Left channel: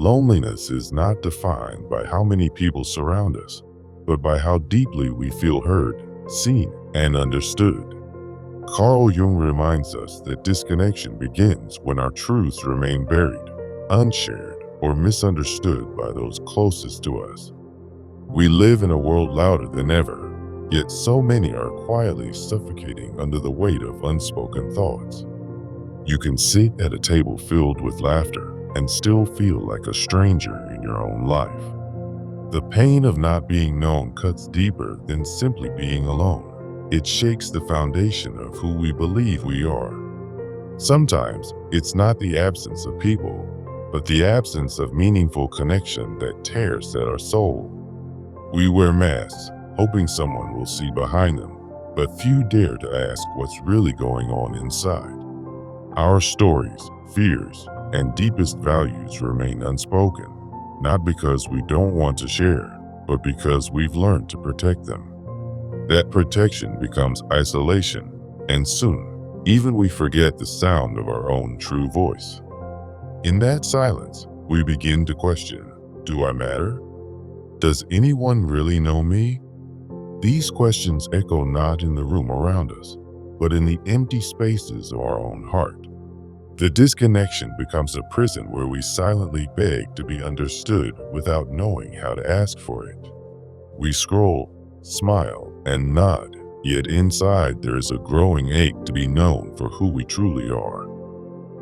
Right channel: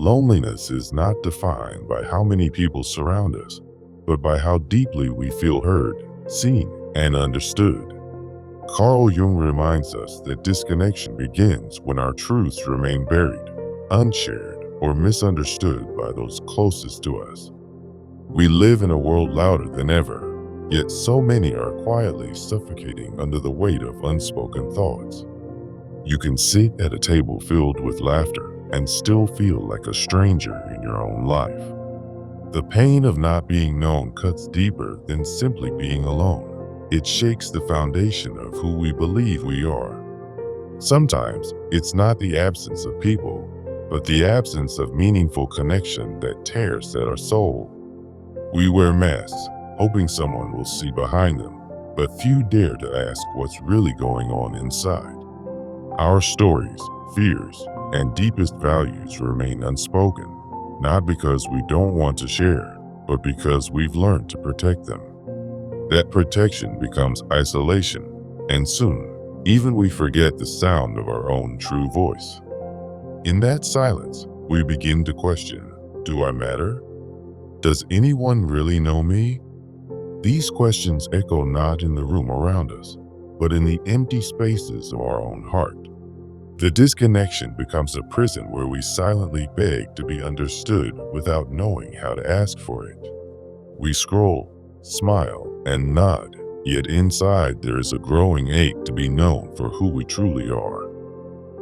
Loneliness is not defined by how many people surround us, but by how deeply we feel heard, seen, and understood. Carl Jung reminds us that disconnection begins when our truths remain buried, unshared, or misunderstood by those closest to us. We live in a world louder than ever, yet so many are quietly suffocating under the weight of unspoken thoughts. You can sit at a table filled with laughter and still feel like a stranger in your own life. The pain of not being known cuts deeper than simply being alone. It shakes the foundation of who we believe we are. Sometimes it's not the absence of people, but the absence of meaningful connection that tears at our soul. We wear masks, hoping someone will see behind them, but few dare to ask what's really going on inside. Our stories, fears, and deepest values remain unspoken, not because we don't want to share, but because we've learned to protect them. That protection becomes isolation, and soon, even we forget the sound of our own true voice. In that silence, we begin to question, do I matter? Does anyone really know me? These questions echo not in the room around us, but in the empty spaces of our own heart. The disconnection becomes a prison where we silently beg to be understood without knowing how to ask for it. We scroll, smile, and nod, yet inside there is a growing ache to be known for who we truly are.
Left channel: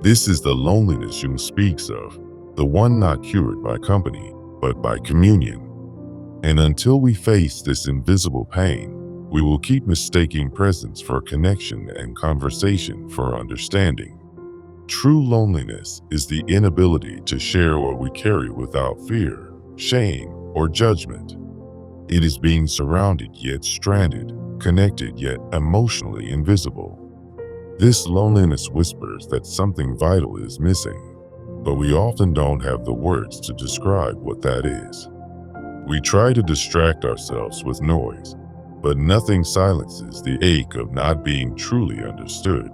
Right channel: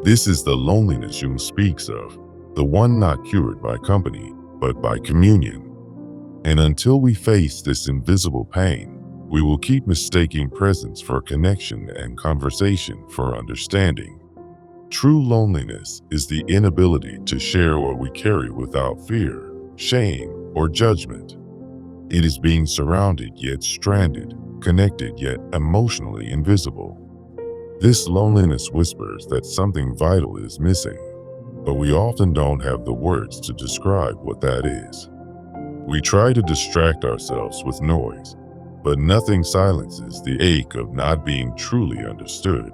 This is the loneliness Jung speaks of, the one not cured by company, but by communion. And until we face this invisible pain, we will keep mistaking presence for connection and conversation for understanding. True loneliness is the inability to share what we carry without fear, shame, or judgment. It is being surrounded yet stranded, connected yet emotionally invisible. This loneliness whispers that something vital is missing, but we often don't have the words to describe what that is. We try to distract ourselves with noise, but nothing silences the ache of not being truly understood.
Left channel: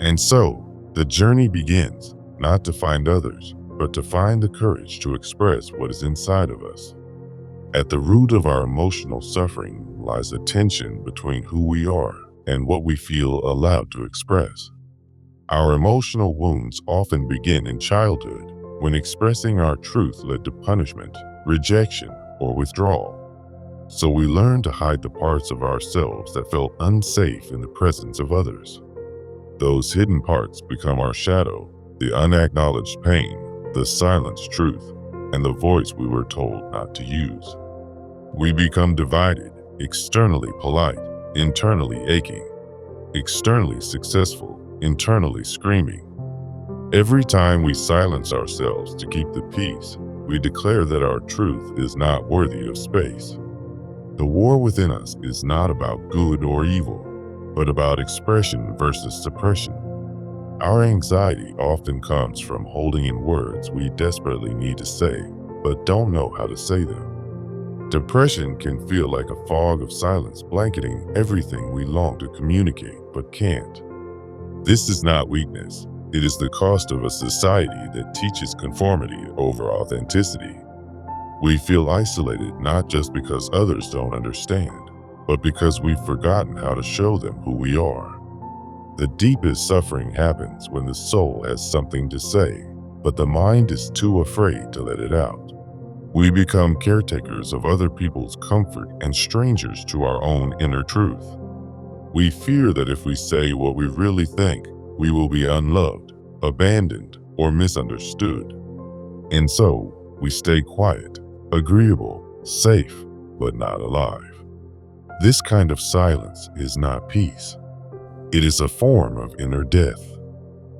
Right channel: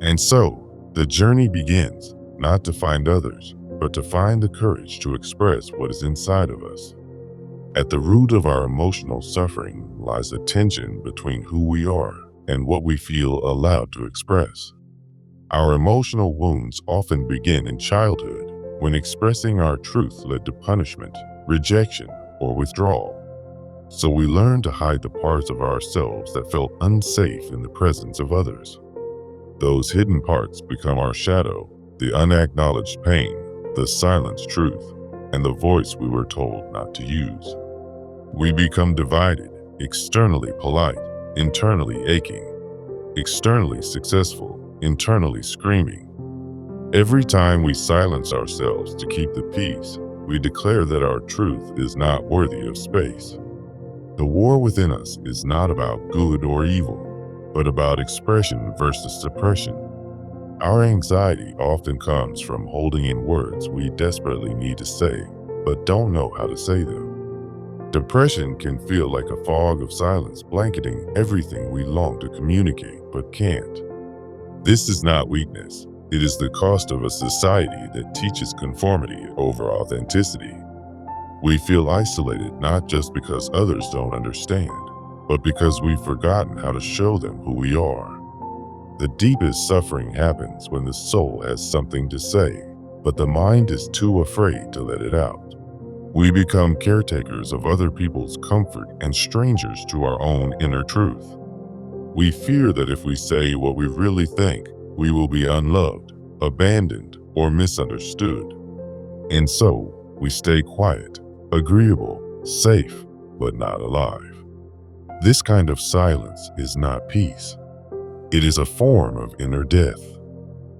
And so, the journey begins, not to find others, but to find the courage to express what is inside of us. At the root of our emotional suffering lies a tension between who we are and what we feel allowed to express. Our emotional wounds often begin in childhood, when expressing our truth led to punishment, rejection, or withdrawal. So we learn to hide the parts of ourselves that felt unsafe in the presence of others. Those hidden parts become our shadow, the unacknowledged pain, the silenced truth, and the voice we were told not to use. We become divided, externally polite, internally aching, externally successful, internally screaming. Every time we silence ourselves to keep the peace, we declare that our truth is not worthy of space. The war within us is not about good or evil, but about expression versus suppression. Our anxiety often comes from holding in words we desperately need to say, but don't know how to say them. Depression can feel like a fog of silence blanketing everything we long to communicate but can't. This is not weakness. It is the cost of a society that teaches conformity over authenticity. We feel isolated not just because others don't understand, but because we've forgotten how to show them who we are. The deepest suffering happens when the soul has something to say, but the mind is too afraid to let it out. We become caretakers of other people's comfort and strangers to our own inner truth. We fear that if we say what we really think, we will be unloved, abandoned, or misunderstood. And so, we stay quiet, agreeable, safe, but not alive. This kind of silence is not peace. It is a form of inner death.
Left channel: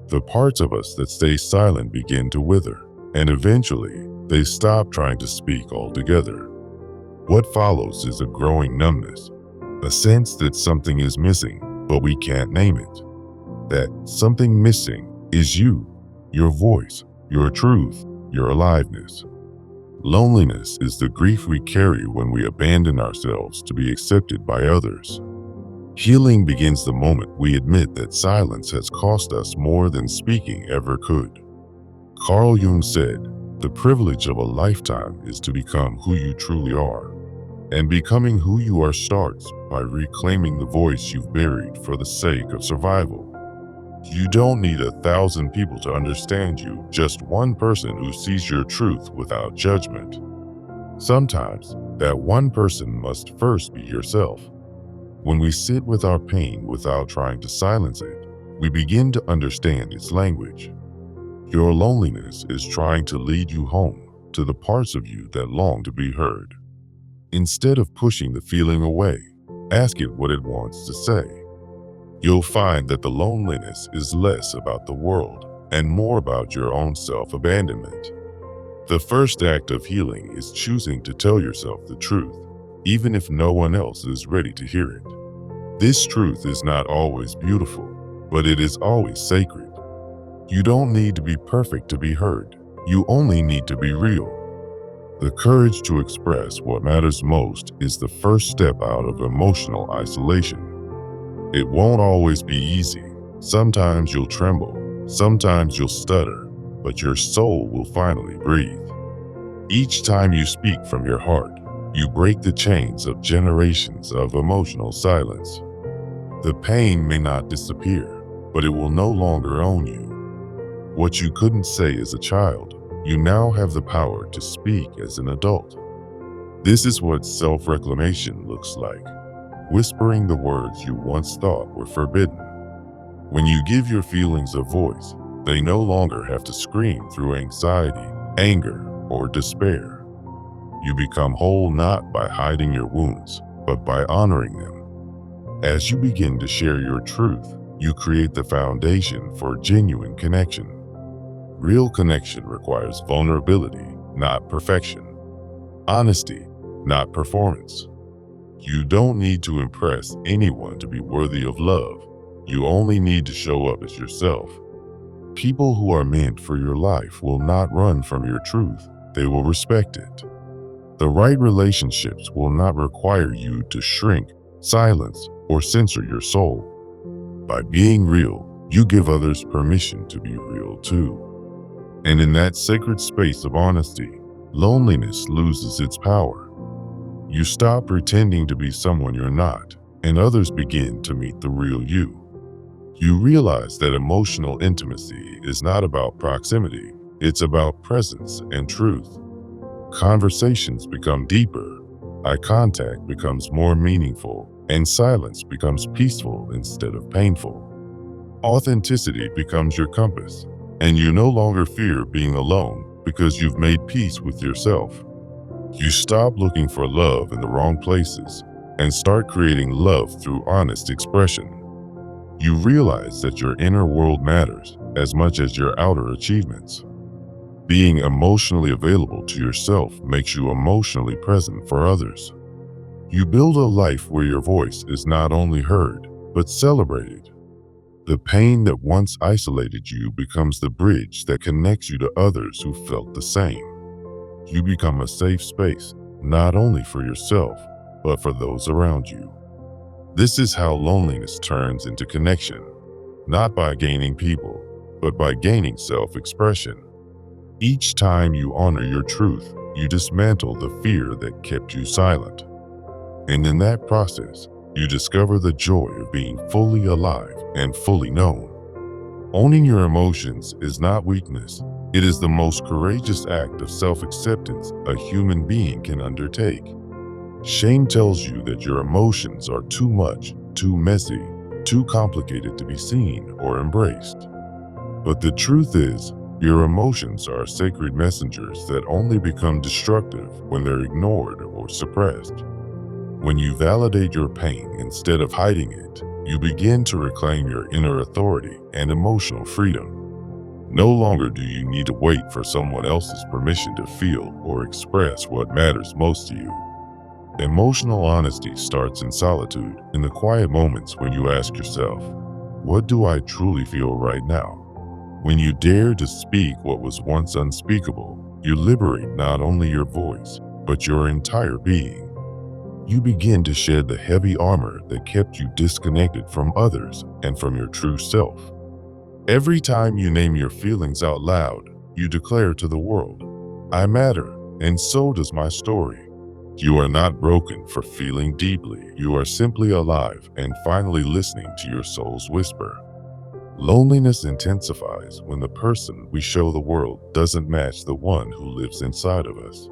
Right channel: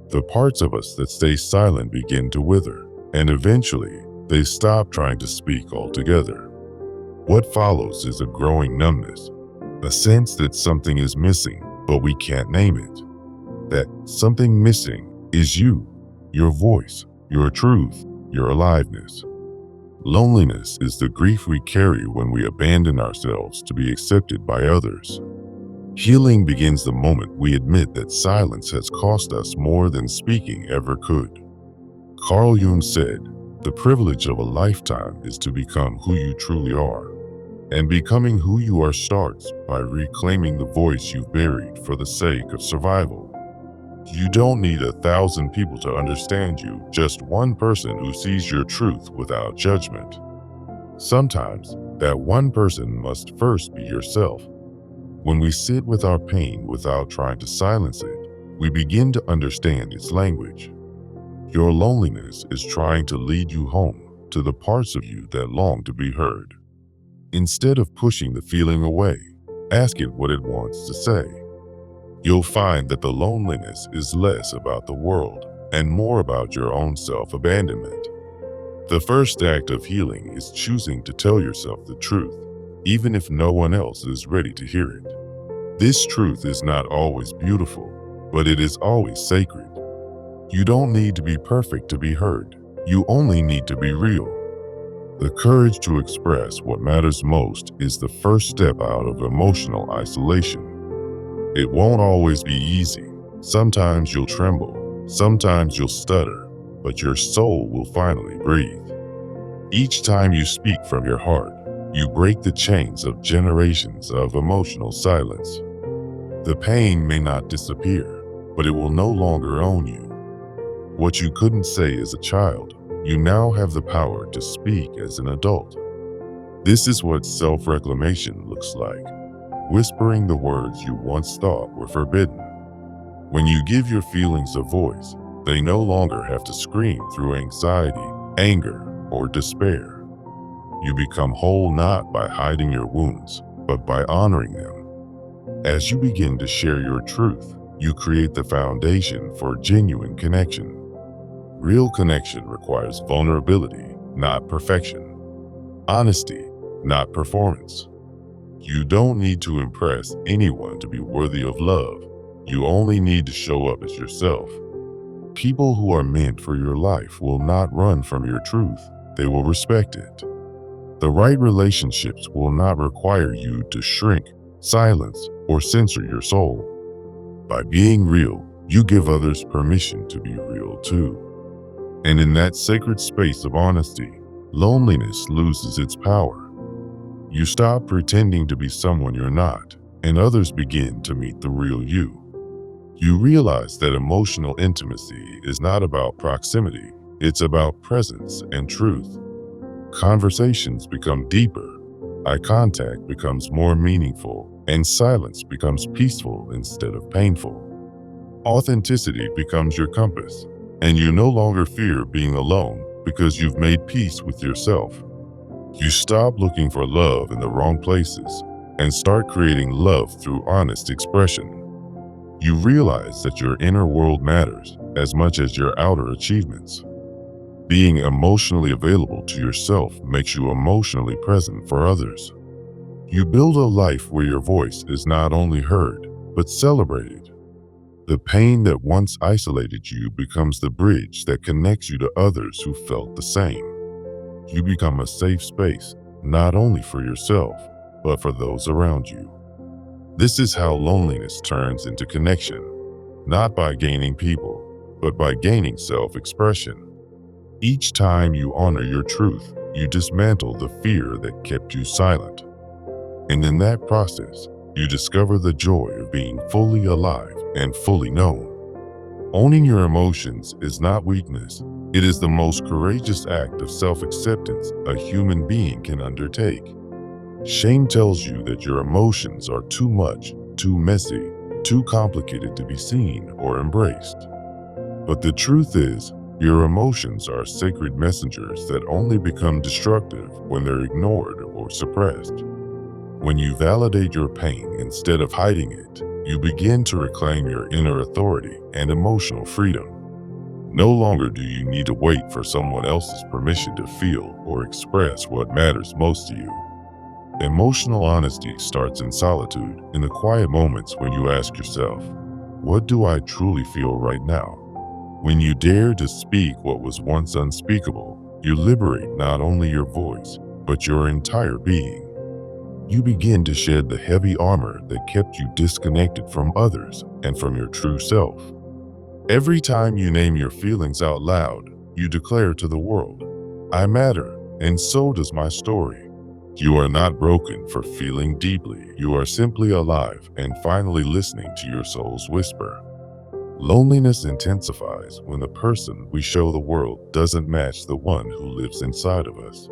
The parts of us that stay silent begin to wither, and eventually, they stop trying to speak altogether. What follows is a growing numbness, a sense that something is missing, but we can't name it. That something missing is you, your voice, your truth, your aliveness. Loneliness is the grief we carry when we abandon ourselves to be accepted by others. Healing begins the moment we admit that silence has cost us more than speaking ever could. Carl Jung said, The privilege of a lifetime is to become who you truly are. And becoming who you are starts by reclaiming the voice you've buried for the sake of survival. You don't need 1,000 people to understand you, just one person who sees your truth without judgment. Sometimes, that one person must first be yourself. When we sit with our pain without trying to silence it, we begin to understand its language. Your loneliness is trying to lead you home to the parts of you that long to be heard. Instead of pushing the feeling away, ask it what it wants to say. You'll find that the loneliness is less about the world and more about your own self-abandonment. The first act of healing is choosing to tell yourself the truth, even if no one else is ready to hear it. This truth is not always beautiful, but it is always sacred. You don't need to be perfect to be heard. You only need to be real. The courage to express what matters most is the first step out of emotional isolation. It won't always be easy. Sometimes you'll tremble, sometimes you'll stutter, but your soul will finally breathe. Each time you speak from your heart, you break the chains of generations of emotional silence. The pain may not disappear, but it will no longer own you. What you couldn't say as a child, you now have the power to speak as an adult. This is what self-reclamation looks like. Whispering the words you once thought were forbidden. When you give your feelings a voice, they no longer have to scream through anxiety, anger, or despair. You become whole not by hiding your wounds, but by honoring them. As you begin to share your truth, you create the foundation for genuine connection. Real connection requires vulnerability, not perfection. Honesty, not performance. You don't need to impress anyone to be worthy of love. You only need to show up as yourself. People who are meant for your life will not run from your truth. They will respect it. The right relationships will not require you to shrink, silence, or censor your soul. By being real, you give others permission to be real too. And in that sacred space of honesty, loneliness loses its power. You stop pretending to be someone you're not, and others begin to meet the real you. You realize that emotional intimacy is not about proximity, it's about presence and truth. Conversations become deeper, eye contact becomes more meaningful, and silence becomes peaceful instead of painful. Authenticity becomes your compass, and you no longer fear being alone because you've made peace with yourself. You stop looking for love in the wrong places and start creating love through honest expression. You realize that your inner world matters as much as your outer achievements. Being emotionally available to yourself makes you emotionally present for others. You build a life where your voice is not only heard, but celebrated. The pain that once isolated you becomes the bridge that connects you to others who felt the same. You become a safe space, not only for yourself, but for those around you. This is how loneliness turns into connection, not by gaining people, but by gaining self-expression. Each time you honor your truth, you dismantle the fear that kept you silent. And in that process, you discover the joy of being fully alive and fully known. Owning your emotions is not weakness. It is the most courageous act of self-acceptance a human being can undertake. Shame tells you that your emotions are too much, too messy, too complicated to be seen or embraced. But the truth is, your emotions are sacred messengers that only become destructive when they're ignored or suppressed. When you validate your pain instead of hiding it, you begin to reclaim your inner authority and emotional freedom. No longer do you need to wait for someone else's permission to feel or express what matters most to you. Emotional honesty starts in solitude, in the quiet moments when you ask yourself, what do I truly feel right now? When you dare to speak what was once unspeakable, you liberate not only your voice, but your entire being. You begin to shed the heavy armor that kept you disconnected from others and from your true self. Every time you name your feelings out loud, you declare to the world, I matter, and so does my story. You are not broken for feeling deeply. You are simply alive and finally listening to your soul's whisper. Loneliness intensifies when the person we show the world doesn't match the one who lives inside of us.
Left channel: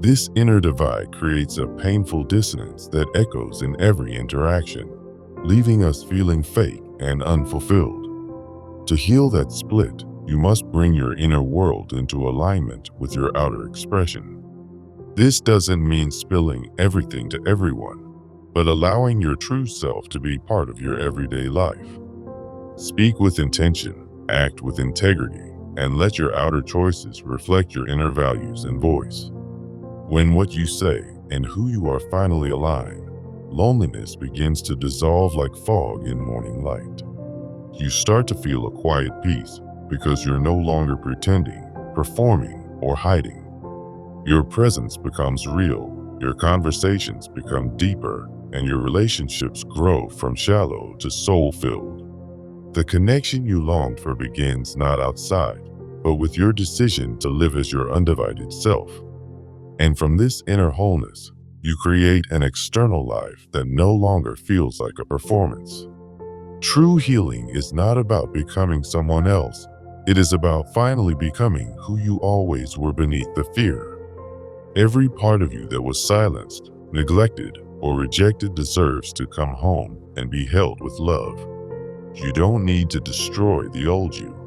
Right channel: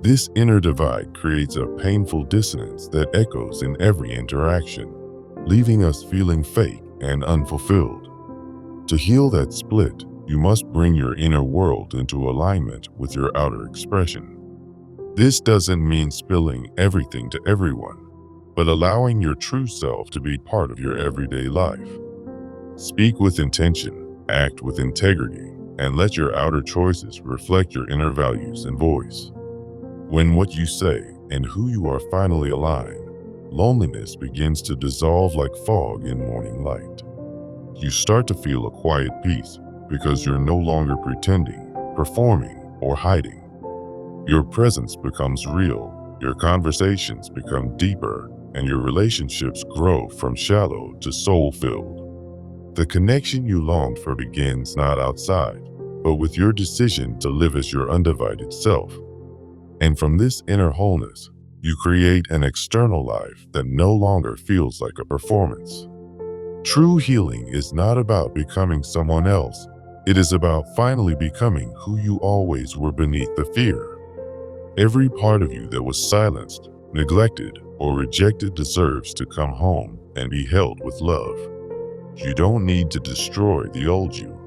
This inner divide creates a painful dissonance that echoes in every interaction, leaving us feeling fake and unfulfilled. To heal that split, you must bring your inner world into alignment with your outer expression. This doesn't mean spilling everything to everyone, but allowing your true self to be part of your everyday life. Speak with intention, act with integrity, and let your outer choices reflect your inner values and voice. When what you say and who you are finally align, loneliness begins to dissolve like fog in morning light. You start to feel a quiet peace because you're no longer pretending, performing, or hiding. Your presence becomes real, your conversations become deeper, and your relationships grow from shallow to soul-filled. The connection you longed for begins not outside, but with your decision to live as your undivided self. And from this inner wholeness, you create an external life that no longer feels like a performance. True healing is not about becoming someone else. It is about finally becoming who you always were beneath the fear. Every part of you that was silenced, neglected, or rejected deserves to come home and be held with love. You don't need to destroy the old you.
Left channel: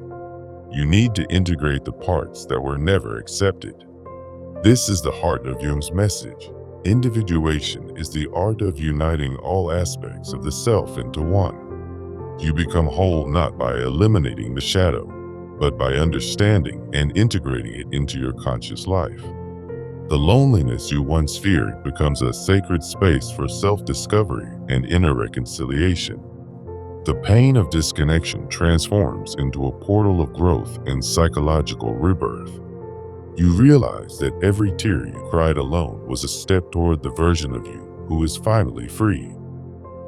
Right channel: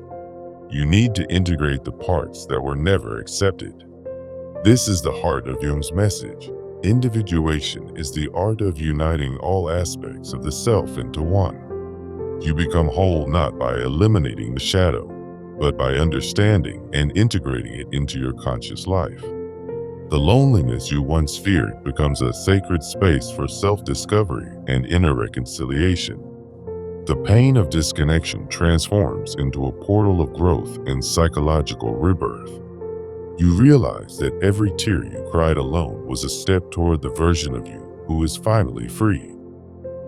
You need to integrate the parts that were never accepted. This is the heart of Jung's message. Individuation is the art of uniting all aspects of the self into one. You become whole not by eliminating the shadow, but by understanding and integrating it into your conscious life. The loneliness you once feared becomes a sacred space for self-discovery and inner reconciliation. The pain of disconnection transforms into a portal of growth and psychological rebirth. You realize that every tear you cried alone was a step toward the version of you who is finally free.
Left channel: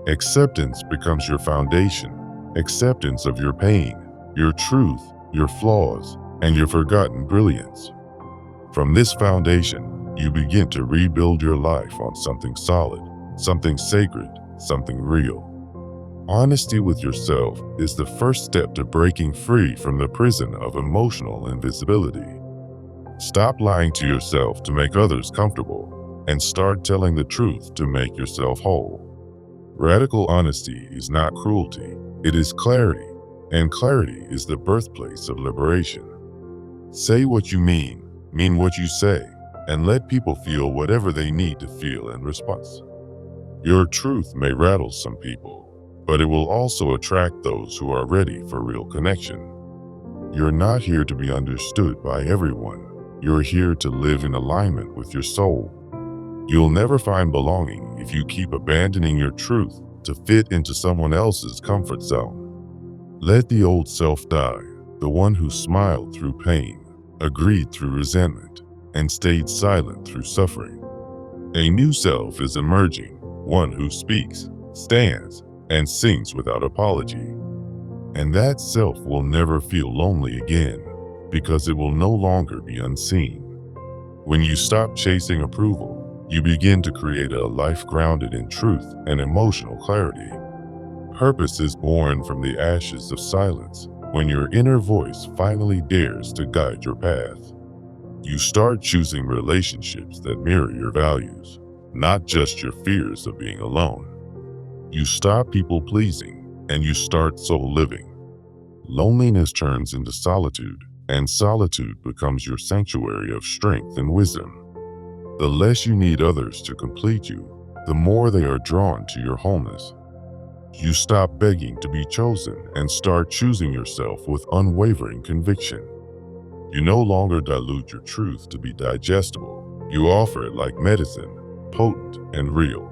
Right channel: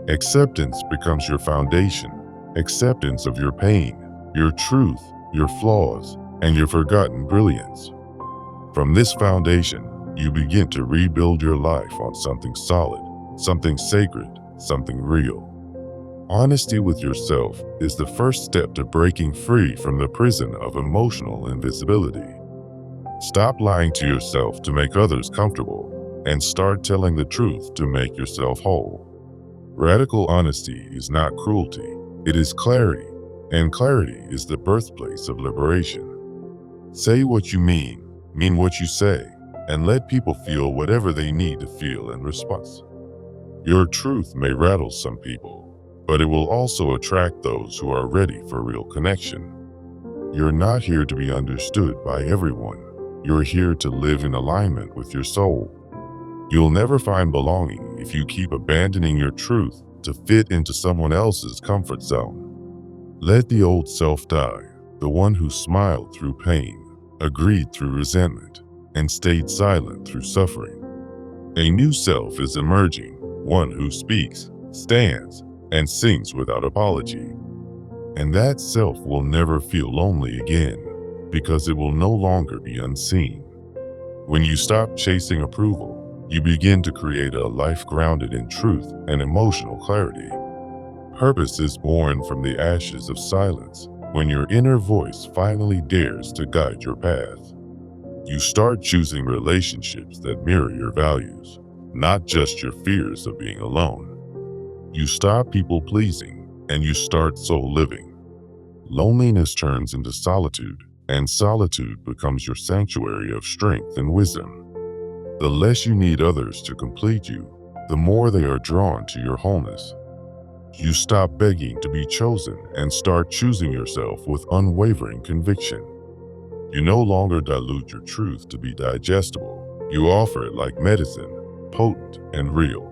Acceptance becomes your foundation. Acceptance of your pain, your truth, your flaws, and your forgotten brilliance. From this foundation, you begin to rebuild your life on something solid, something sacred, something real. Honesty with yourself is the first step to breaking free from the prison of emotional invisibility. Stop lying to yourself to make others comfortable, and start telling the truth to make yourself whole. Radical honesty is not cruelty. It is clarity, and clarity is the birthplace of liberation. Say what you mean what you say, and let people feel whatever they need to feel in response. Your truth may rattle some people, but it will also attract those who are ready for real connection. You're not here to be understood by everyone. You're here to live in alignment with your soul. You'll never find belonging if you keep abandoning your truth to fit into someone else's comfort zone. Let the old self die, the one who smiled through pain, agreed through resentment, and stayed silent through suffering. A new self is emerging, one who speaks, stands, and sings without apology. And that self will never feel lonely again, because it will no longer be unseen. When you stop chasing approval, you begin to create a life grounded in truth and emotional clarity. Purpose is born from the ashes of silence when your inner voice finally dares to guide your path. You start choosing relationships that mirror your values, not just your fears of being alone. You stop people pleasing and you start soul living. Loneliness turns into solitude, and solitude becomes your sanctuary of strength and wisdom. The less you need others to complete you, the more they are drawn to your wholeness. You stop begging to be chosen and start choosing yourself with unwavering conviction. You no longer dilute your truth to be digestible. You offer it like medicine, potent and real.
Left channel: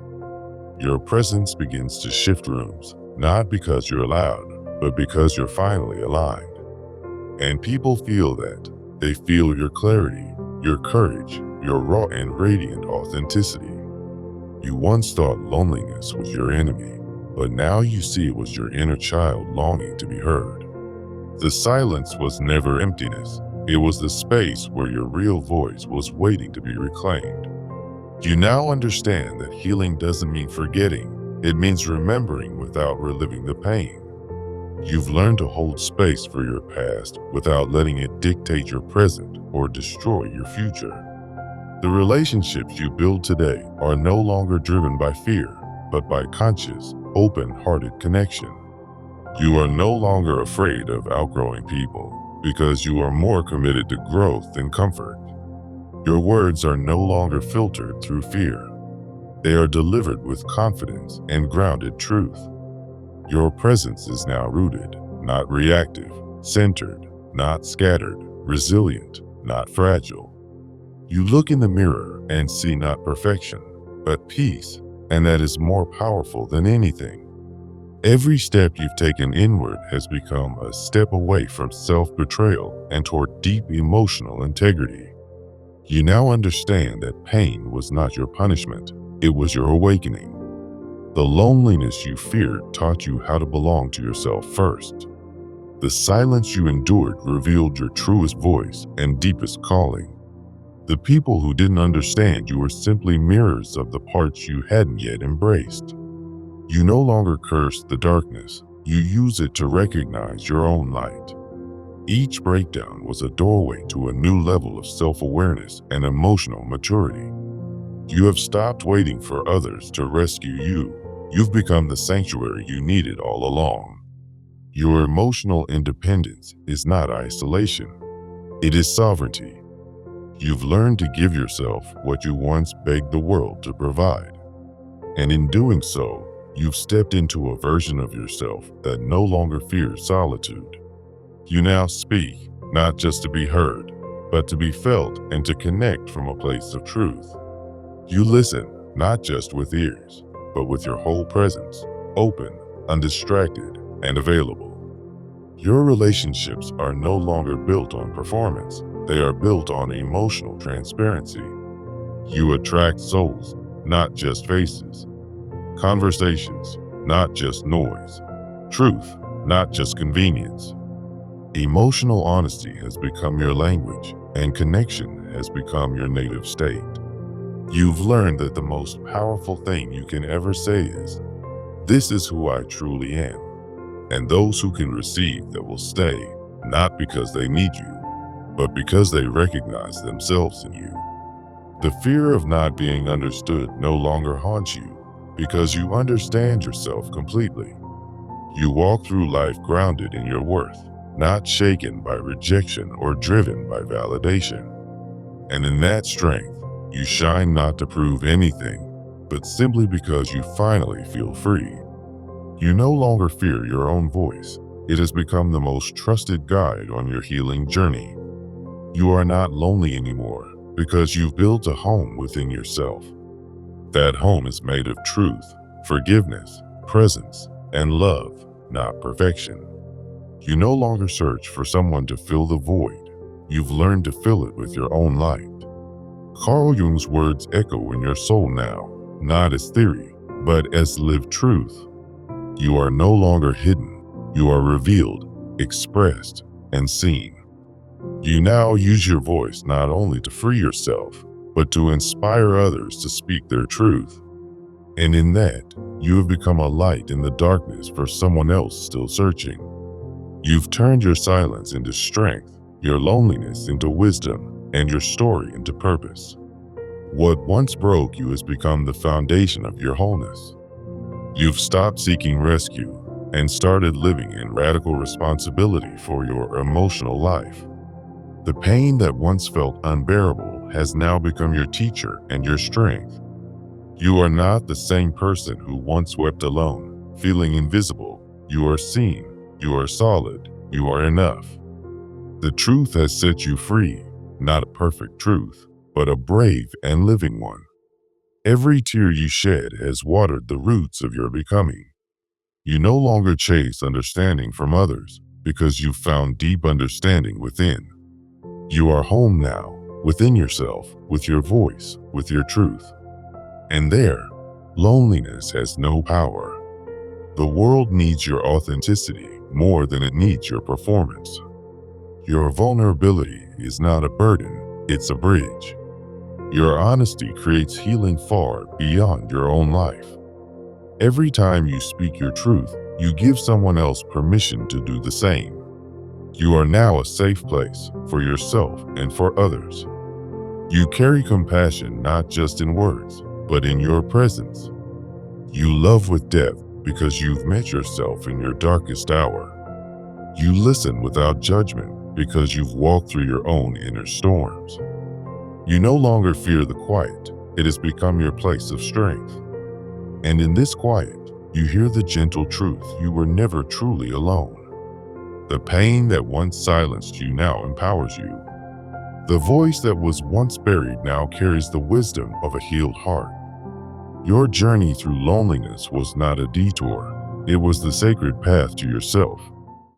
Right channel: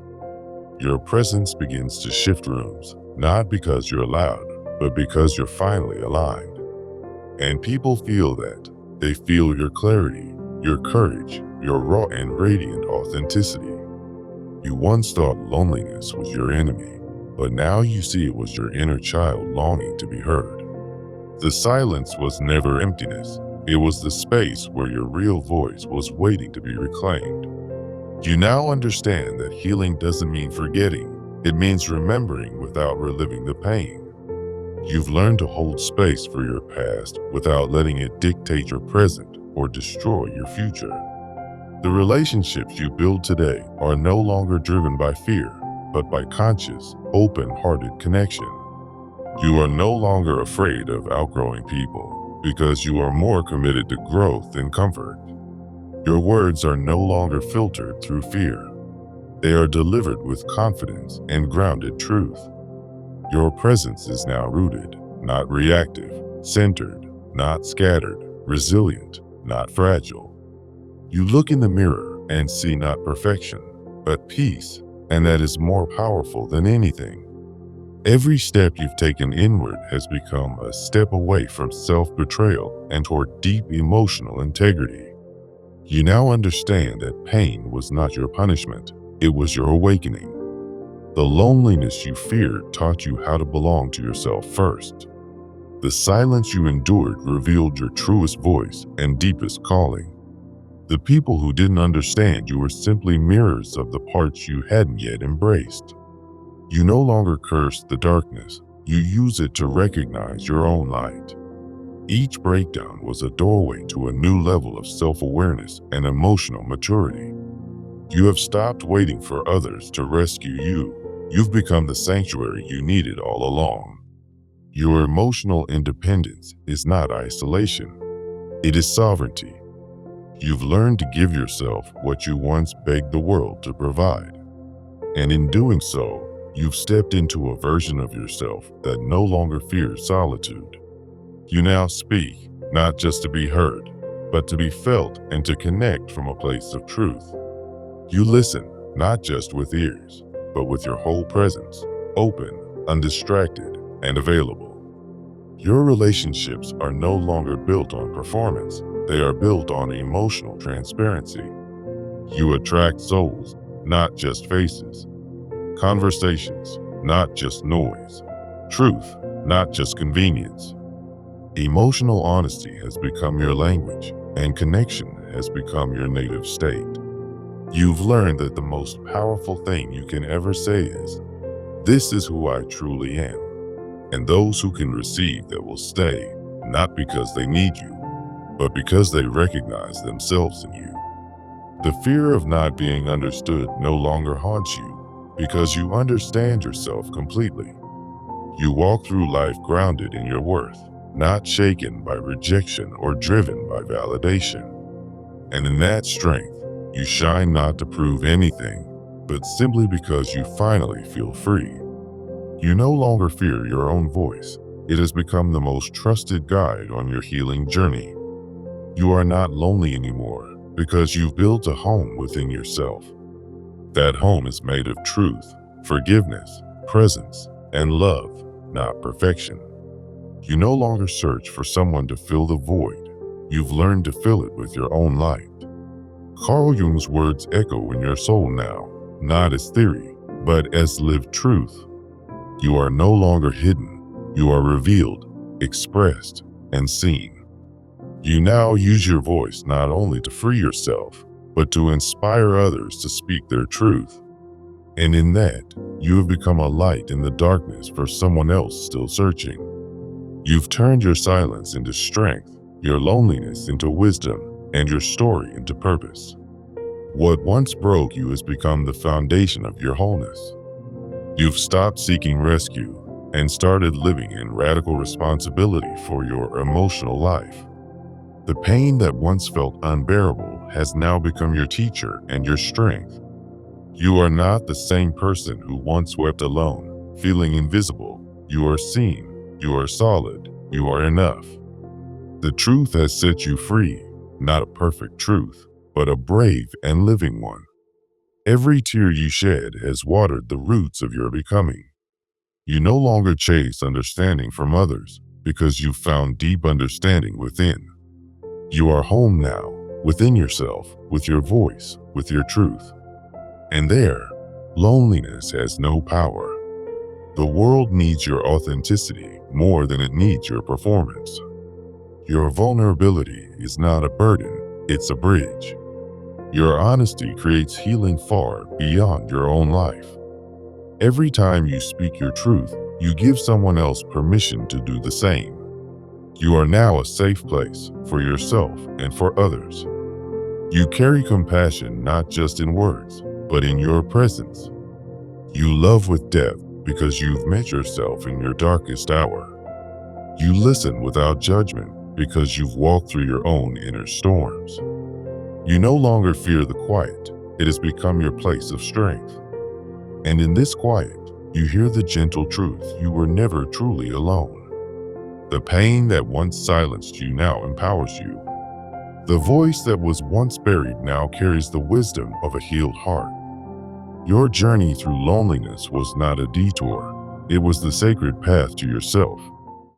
Your presence begins to shift rooms, not because you're loud, but because you're finally aligned. And people feel that. They feel your clarity, your courage, your raw and radiant authenticity. You once thought loneliness was your enemy, but now you see it was your inner child longing to be heard. The silence was never emptiness. It was the space where your real voice was waiting to be reclaimed. You now understand that healing doesn't mean forgetting, it means remembering without reliving the pain. You've learned to hold space for your past without letting it dictate your present or destroy your future. The relationships you build today are no longer driven by fear, but by conscious, open-hearted connection. You are no longer afraid of outgrowing people because you are more committed to growth and comfort. Your words are no longer filtered through fear. They are delivered with confidence and grounded truth. Your presence is now rooted, not reactive, centered, not scattered, resilient, not fragile. You look in the mirror and see not perfection, but peace, and that is more powerful than anything. Every step you've taken inward has become a step away from self-betrayal and toward deep emotional integrity. You now understand that pain was not your punishment, it was your awakening. The loneliness you feared taught you how to belong to yourself first. The silence you endured revealed your truest voice and deepest calling. The people who didn't understand you were simply mirrors of the parts you hadn't yet embraced. You no longer curse the darkness, you use it to recognize your own light. Each breakdown was a doorway to a new level of self-awareness and emotional maturity. You have stopped waiting for others to rescue you. You've become the sanctuary you needed all along. Your emotional independence is not isolation, it is sovereignty. You've learned to give yourself what you once begged the world to provide. And in doing so, you've stepped into a version of yourself that no longer fears solitude. You now speak, not just to be heard, but to be felt and to connect from a place of truth. You listen, not just with ears, but with your whole presence, open, undistracted, and available. Your relationships are no longer built on performance, they are built on emotional transparency. You attract souls, not just faces. Conversations, not just noise. Truth, not just convenience. Emotional honesty has become your language, and connection has become your native state. You've learned that the most powerful thing you can ever say is, "This is who I truly am." And those who can receive that will stay, not because they need you, but because they recognize themselves in you. The fear of not being understood no longer haunts you, because you understand yourself completely. You walk through life grounded in your worth, not shaken by rejection or driven by validation. And in that strength, you shine not to prove anything, but simply because you finally feel free. You no longer fear your own voice. It has become the most trusted guide on your healing journey. You are not lonely anymore because you've built a home within yourself. That home is made of truth, forgiveness, presence, and love, not perfection. You no longer search for someone to fill the void. You've learned to fill it with your own light. Carl Jung's words echo in your soul now, not as theory, but as lived truth. You are no longer hidden. You are revealed, expressed, and seen. You now use your voice not only to free yourself, but to inspire others to speak their truth. And in that, you have become a light in the darkness for someone else still searching. You've turned your silence into strength, your loneliness into wisdom, and your story into purpose. What once broke you has become the foundation of your wholeness. You've stopped seeking rescue and started living in radical responsibility for your emotional life. The pain that once felt unbearable has now become your teacher and your strength. You are not the same person who once wept alone, feeling invisible. You are seen, you are solid, you are enough. The truth has set you free, not a perfect truth, but a brave and living one. Every tear you shed has watered the roots of your becoming. You no longer chase understanding from others because you found deep understanding within. You are home now, within yourself, with your voice, with your truth. And there, loneliness has no power. The world needs your authenticity more than it needs your performance. Your vulnerability is not a burden, it's a bridge. Your honesty creates healing far beyond your own life. Every time you speak your truth, you give someone else permission to do the same. You are now a safe place for yourself and for others. You carry compassion not just in words, but in your presence. You love with depth because you've met yourself in your darkest hour. You listen without judgment because you've walked through your own inner storms. You no longer fear the quiet, it has become your place of strength. And in this quiet, you hear the gentle truth: you were never truly alone. The pain that once silenced you now empowers you. The voice that was once buried now carries the wisdom of a healed heart. Your journey through loneliness was not a detour, it was the sacred path to yourself.